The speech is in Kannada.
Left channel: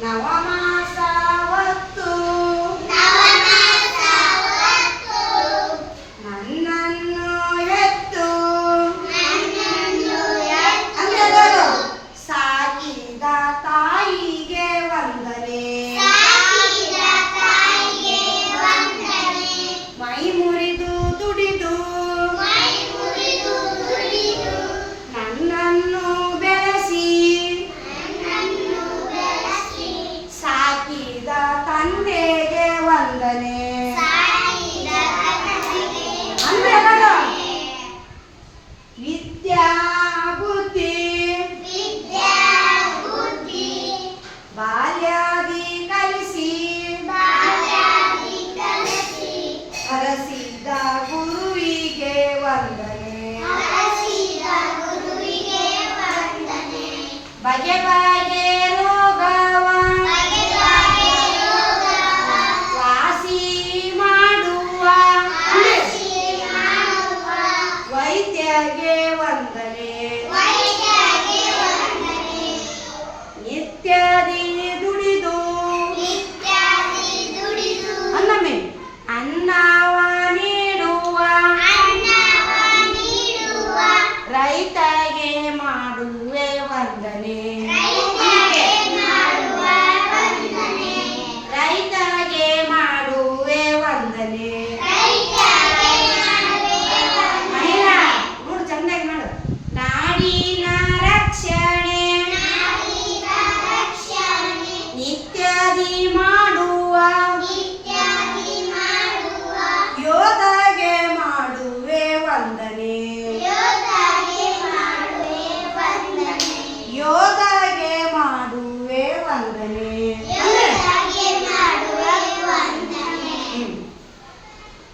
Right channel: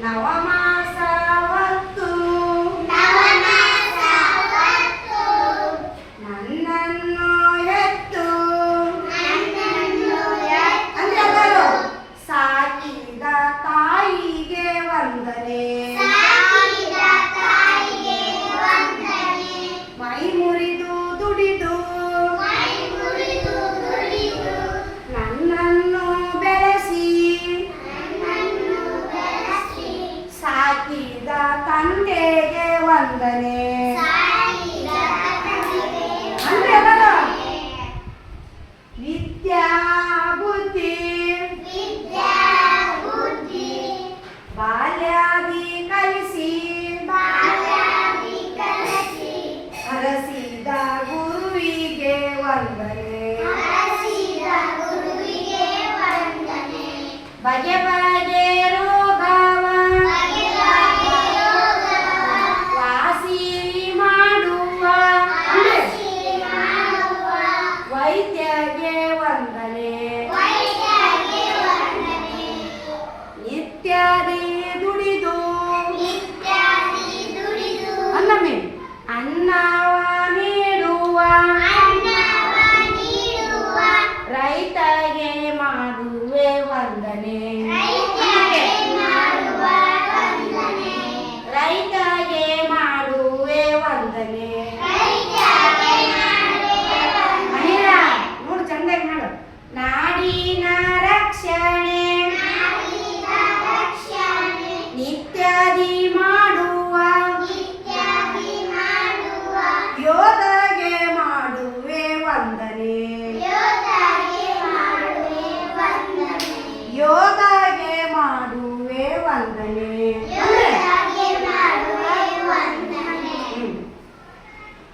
ನವಮಾಸ ಹೊತ್ತು ನನ್ನನ್ನು ಎತ್ತು ಅಂದರು ಸಾಕಿದ ತಾಯಿಗೆ ವಂದನೆ ಮೈ ಮುರಿದು ದುಡಿದು ನನ್ನನ್ನು ಬೆಳೆಸಿ ಸಾಕಿದ ತಂದೆಗೆ ವಂದನೆ ಅಂದ್ರೆ ಎಲ್ಲರೂ ವಿದ್ಯಾ ಬುದ್ಧಿ ಬಾಲ್ಯಾದಿ ಕಲಿಸಿ ಹರಸಿದ ಗುರುವಿಗೆ ವಂದನೆ ಬಗೆ ಬಗೆ ರೋಗವ ವಾಸಿ ಮಾಡುವ ವೈದ್ಯಗೆ ವಂದನೆ ನಿತ್ಯದಿ ದುಡಿದು ಅನ್ನಮೇ ಅನ್ನವ ನೀಡುವ ರೈತಗೆ ಮಾಡುವೆ ವಂದನೆ